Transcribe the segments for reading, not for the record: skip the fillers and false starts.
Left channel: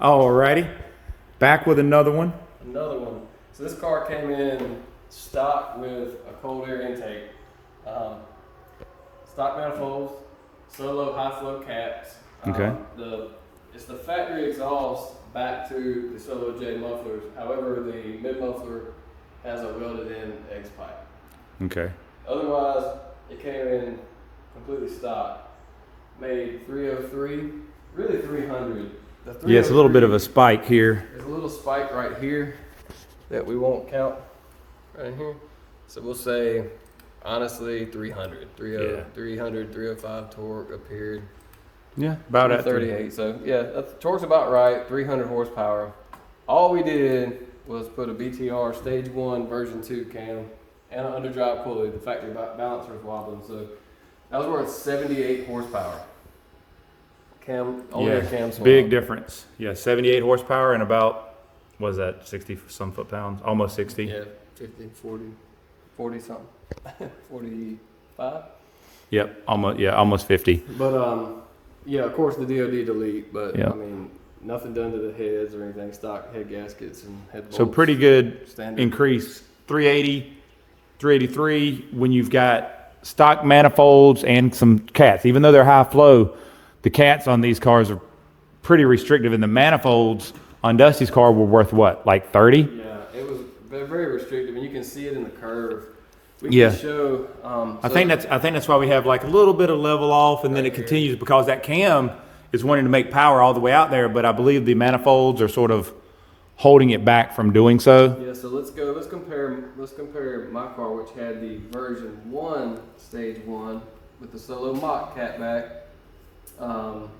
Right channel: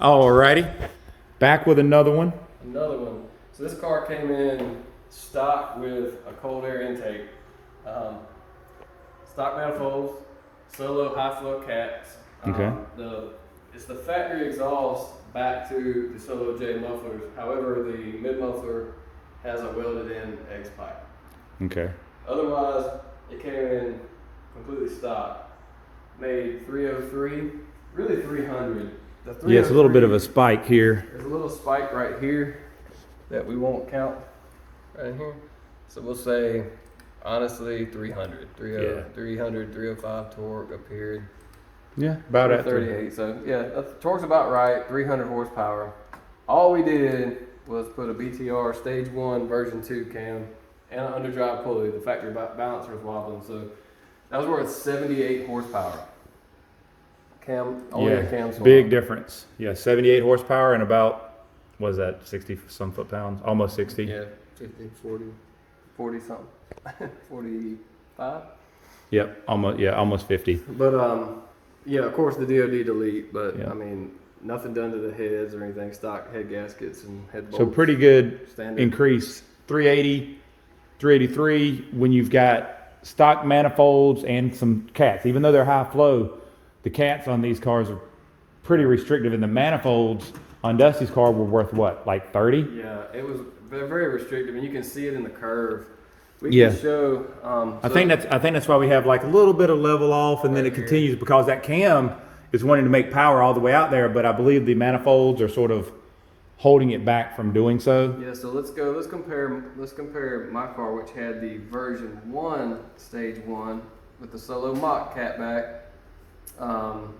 Alrighty, back with another one. Another one. So this car came in stock with a cold air intake, stock manifolds, solo high flow caps. Okay. It's the factory exhaust back to the Solo J mufflers. However, the mid muffler has a welded in X pipe. Okay. Otherwise, it came in completely stock. Made 303, really 300. Yeah, it's a little bit of a spike here. There's a little spike right here that we won't count right here. So we'll say, honestly, 300. 305 torque up here. Yeah, about at 38. So yeah, the torque's about right, 300 horsepower. All we did was put a BTR stage 1 version 2 cam and an underdrive pulley. The factory balancer was wobbling. So that was worth 78 horsepower. Big difference. Yeah, 78 horsepower and about, what is that, 60 some foot-pounds? Almost 60. Yeah, 50, 40 something. 45? Yep, almost 50. But yeah, of course the DOD delete, but yeah. I mean, nothing done to the heads or anything, stock head gaskets and head bolts. So pretty good standard increase, 380, 383 when you've got stock manifolds and some cats. Even though they're high flow, the cats on these cars are pretty restrictive, and the manifolds on Dusty's car were worth what, like 30? Yeah, it was very restrictive, and you can see it in the curve. We can show. I think that's why we have like a little bit of level off, and then it continues because that cam is wanting to make power all the way out there, but I believe the manifolds are sort of holding it back from doing so. Yeah, so let's compare my car, which had the version 1 stage 1 with the Solo Mach catback. So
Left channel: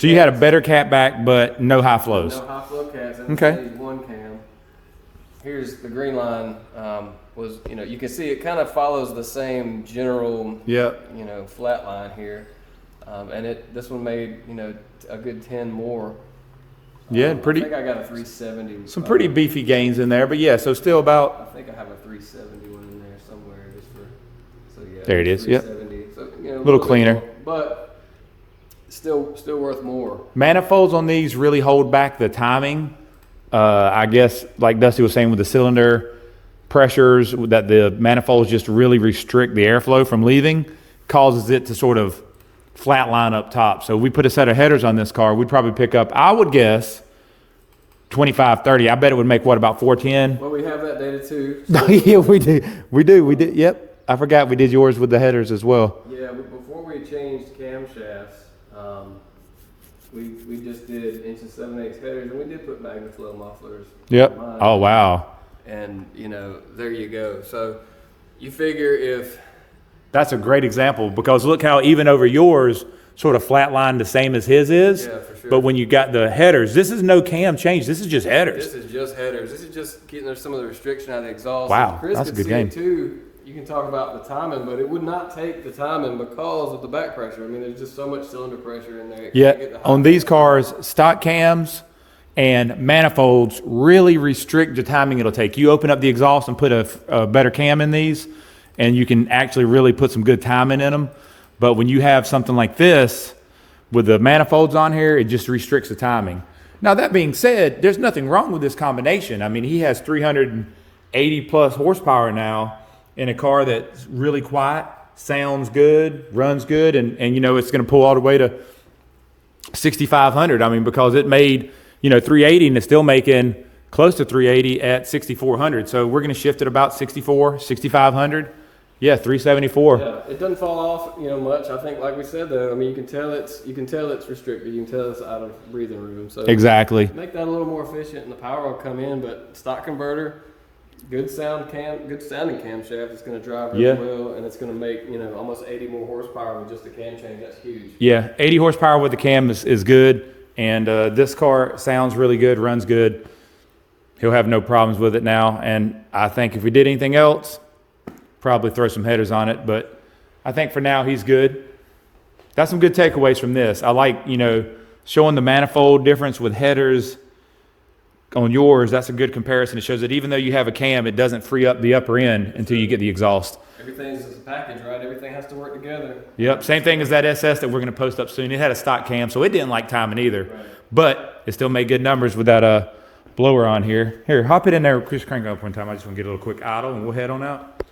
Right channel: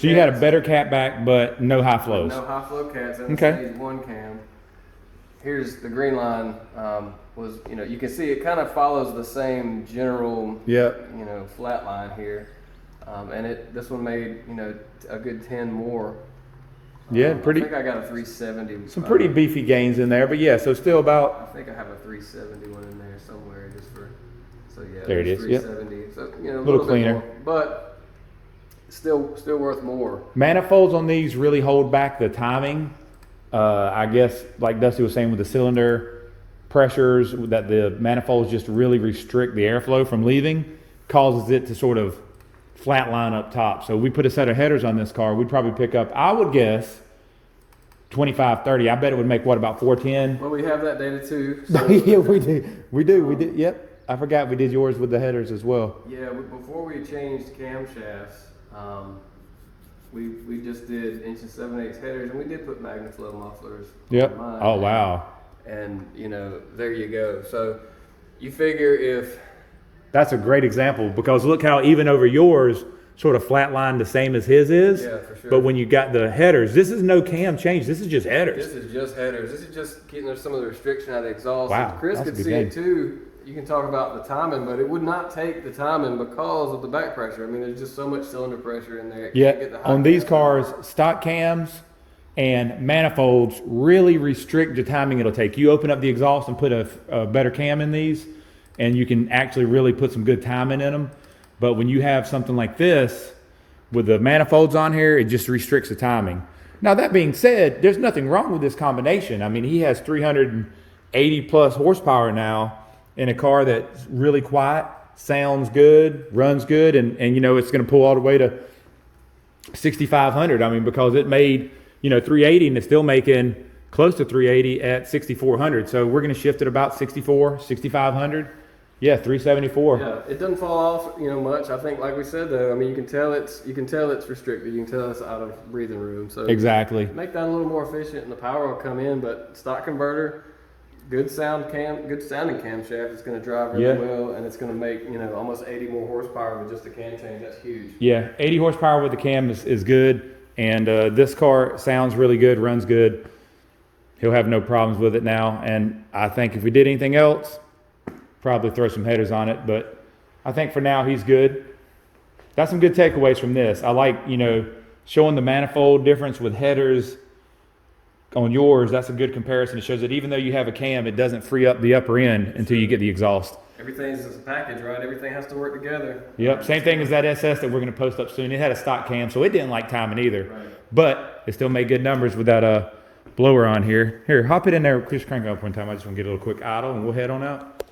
you had a better catback, but no high flows. No high flow cats and the stage 1 cam. Here's the green line. Was, you can see it kind of follows the same general, flat line here, and this one made a good 10 more. Yeah, pretty. I think I got a 370. Some pretty beefy gains in there, but yeah, so still about. I think I have a 370 one in there somewhere, just for. So yeah. There it is. Yep. 370. So a little cleaner, more, but still worth more. Manifolds on these really hold back the timing. I guess, like Dusty was saying, with the cylinder pressures, that the manifolds just really restrict the airflow from leaving, causes it to sort of flatline up top. So we put a set of headers on this car, we'd probably pick up, I would guess, 25, 30. I bet it would make, what, about 410? Well, we have that data too. So yeah, we did. Yep. I forgot we did yours with the headers as well. Yeah, before we changed camshafts, we just did 1 7/8 headers, and we did put MagnaFlow mufflers. Yep. Oh, wow. And, there you go. So you figure if... That's a great example, because look how even over yours sort of flatlined the same as his is. Yeah, for sure. But when you got the headers, this is no cam change. This is just headers. This is just headers. This is just getting some of the restriction out of the exhaust. Wow, and Chris that's a could good see game. it too. You can talk about the timing, but it would not take the timing because of the back pressure. I mean, there's just so much cylinder pressure in there. Yeah, on these cars, stock cams and manifolds really restrict the timing it'll take. You open up the exhaust and put a better cam in these, and you can actually really put some good timing in them. But when you have something like this, with the manifolds on here, it just restricts the timing. Now, that being said, there's nothing wrong with this combination. I mean, he has 380 plus horsepower now in a car that's really quiet, sounds good, runs good, and it's going to pull all the way to 6,500. I mean, because it made 380 and it's still making close to 380 at 6,400. So we're going to shift it about 64, 6,500. Yeah, 374. Yeah, it doesn't fall off, much. I think, like we said, though, I mean, you can tell it's restricted. You can tell it's out of breathing room. So exactly. Make that a little more efficient, and the power will come in. But stock converter, good sounding camshaft. It's going to drive really well, and it's going to make almost 80 more horsepower with just a cam change. That's huge. Yeah, 80 horsepower with the cam is good, and this car sounds really good, runs good. He'll have no problems with it now, and I think if we did anything else, probably throw some headers on it, but I think for now he's good. That's some good takeaways from this. I like, showing the manifold difference with headers on yours. That's a good comparison. It shows that even though you have a cam, it doesn't free up the upper end until you get the exhaust. everything's just a package, right? Everything has to work together. Yep, same thing as that SS that we're going to post up soon. It had a stock cam, so it didn't like timing either. Right. But it still made good numbers with that blower on here. Here, hop it in there. Chris, crank it up one time. I just want to get a little quick idle, and we'll head on out.